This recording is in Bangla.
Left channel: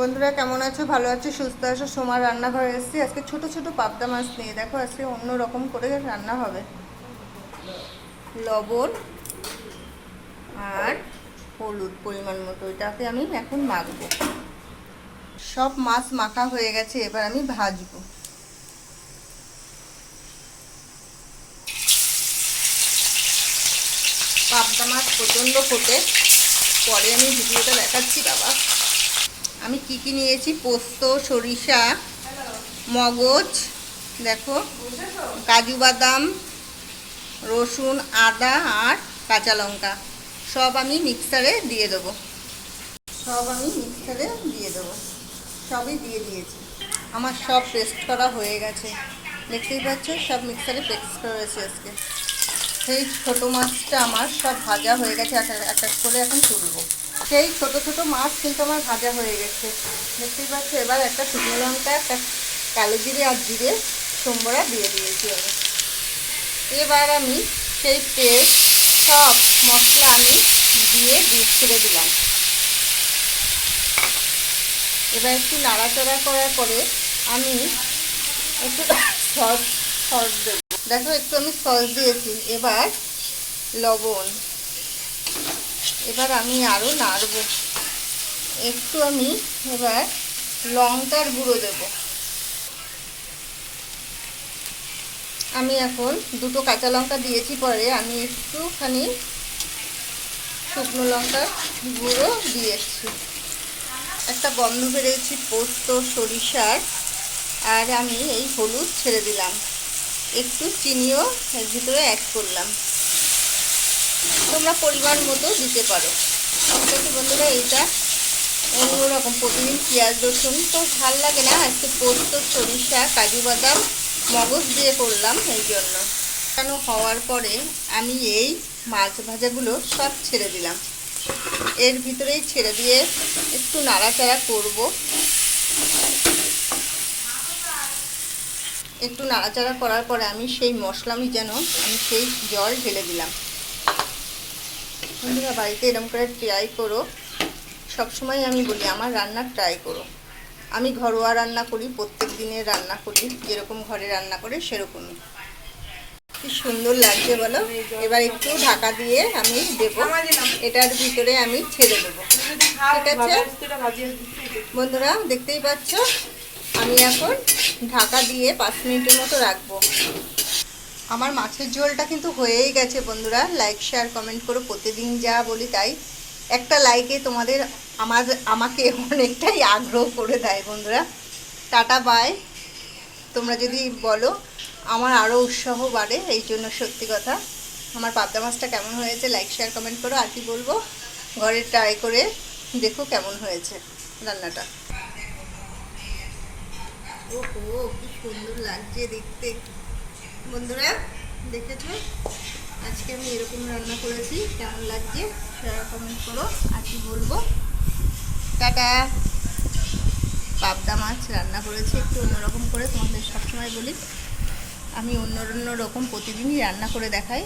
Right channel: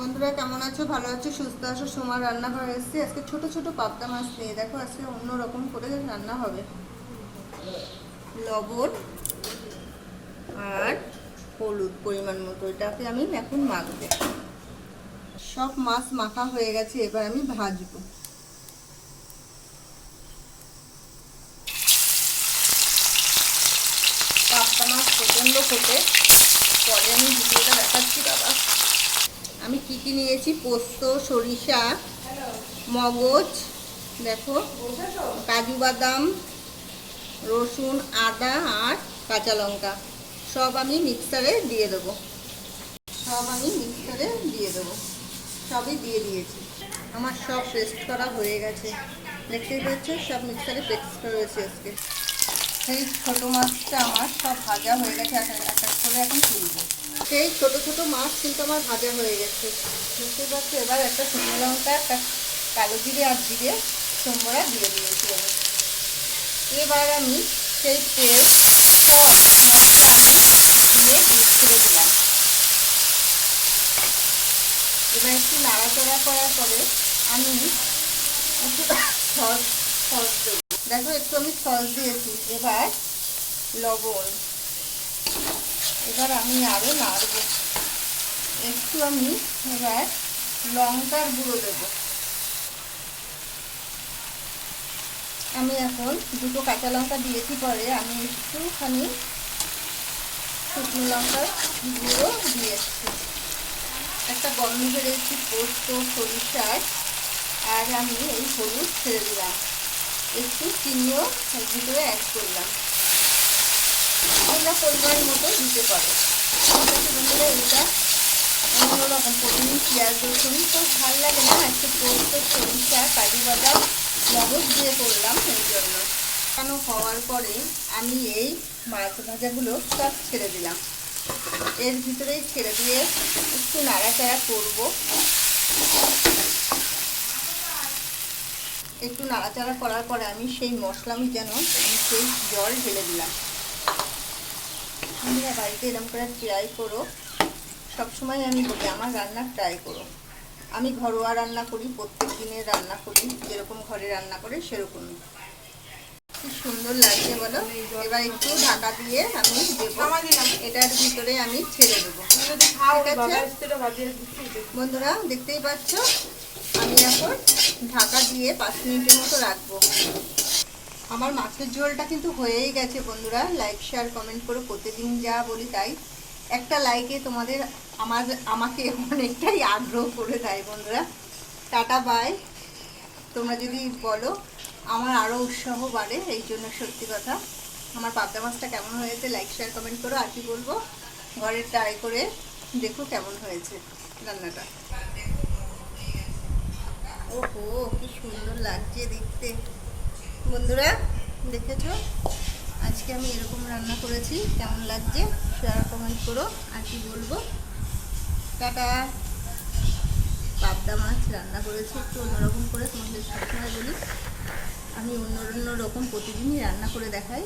বন্ধুরা, কেমন আছো? ভালো আছো? সুস্থ আছো? সোমার রান্নাঘরে এসেছি। আজকে ছোট ছোট পাবদা মাছ নিয়ে। দেখো, আজকে অন্য রকম করে রান্না হবে। লবণ আর হলুদ পরিমাণ মতো। এটাকে আমি এখন মাখবো। সব মাছ মাখা হয়ে গেছে। এবার আমি ভাজবো। পাবদা মাছ প্রচণ্ড ফোটে। পরে আমি ভিডিওটা দেখাচ্ছি বাবা। আমি কি কি নিয়েছি? পোস্ত, সরিষা, মগজ, দেখো, কাজু বাদাম, রসুন, আদা আর কাঁচা লঙ্কা। সব আমি মিক্সারে দিয়ে দেবো। সব আমি মিক্সারে দিয়ে দেবো। সবই দিয়ে দিয়েছি। আমার সব পেস্ট করা হয়ে গেছে। দেখতেই পাচ্ছ, সব মিক্সারে পেস্ট করেছি আজকে। সেই ছোটো মাছটা আমার সব ভাজা হয়ে গেছে। এক এক করে এখন তুলবো। সেই ছোট ছোট মাছ কিন্তু আমার ভাজা হয়ে গেছে। দেখতেই পাচ্ছ, এবার একটা শুকনো লঙ্কা, একটা কালো জিরে আর জিরে সোমবরা দিয়ে দিয়েছি আমি। এবার আমি সেই পেস্ট সব মশলা আমি দিয়ে দুধ ছেড়ে দিলাম। এবার একটু নাড়াচাড়া করার পরে আমি একটু সস সস দেবো। দেখো, একটু আমি সস দিয়েছি। এবার লবণ। এবার আমি আরও নাড়ব। একটু আমি এবার লঙ্কার গুঁড়ো দেব। আমি এখন দুটো কাঁচা লঙ্কা দিয়েছি পরে আমি একটুখানি শুকনো লঙ্কার গুঁড়ো দিয়েছি। একটা গন্ধ বেরিয়েছি, পোস্ত সরিষার আর আমি এই হলুদ ছেড়ে দিলাম। একটু চিনিও ভিতরে অ্যাড করলাম। তোমরা পরিমাণ মতো দিতে পারো। ঠিক বন্ধুরা, এইটা অন্যরকম প্রতিদিন পেঁয়াজ, রসুন। তো ভালো লাগে না আজকে পোস্ত, সরিষা, কাজু বাদাম, মগজ দিয়ে করলাম এই জন্য। কেন হওয়ার পরে আমি এই মাছ ভাজাগুলো সব ছেড়ে দিলাম। এর ভিতরেই ছেড়ে দিয়ে একটু নাড়াচাড়া করব। একটু নাড়াচাড়া করার পরে আমি সেই মশলা আমি যেন আমি সেই জল ঢেলে দিলাম। বন্ধুরা, বাড়িতে এরকম করে ট্রাই করো। সবসময় আমি বলি, আমার রান্না ট্রাই করো। আমি ঘরোয়া রান্না করি, প্রত্যেক দিনের রান্না করি, যেরকম ঘরে রান্না করে সেরকমই। কি সুন্দর লাগছে বলো? এবার একটু ঢাকা দিয়ে আমি দেবো। এটার ভিতরে আমি ছেড়ে দেবো। ঠিক আছে? বন্ধুরা, দেখতেই পাচ্ছ? আমি এখন ঢাকা দিয়ে পাঁচ মিনিটের মতো রাখব। আমার মাছের ঝোলটা কিন্তু হয়েই গেছে বন্ধুরা। লাইক শেয়ার কমেন্ট করো। প্রতিদিন যা বলি তাই। একটা লাইকে তোমাদের আমার, আমাকে অনেকটাই আগ্রহ করে দেয় বন্ধুরা। টাটা বাই তোমরা যদি বলো, আমার আরও উৎসাহ বাড়ে, এই জন্য সত্যি কথা। আমার পাবদা মাছটা কেমন হয়েছে লাইক শেয়ার কমেন্ট করো। আর কি বলব, ঘরে ট্রাই করে দেখো কেমন হয়েছে রান্নাটা। ও, কি সুন্দর লাগছে দেখতে। বন্ধুরা, দেখেছ? আজকে আমি এরকম রান্না করেছি, কেমন লাগছে সেটা কমেন্ট করো, আর কি বলব? টাটা! পাবদা মাছ রান্না করেছি, একটু অন্যরকম করে তোমাদের সবসময় বলি। আমি অন্য অন্য রকম প্রতিদিনই রান্না করে দেখাই।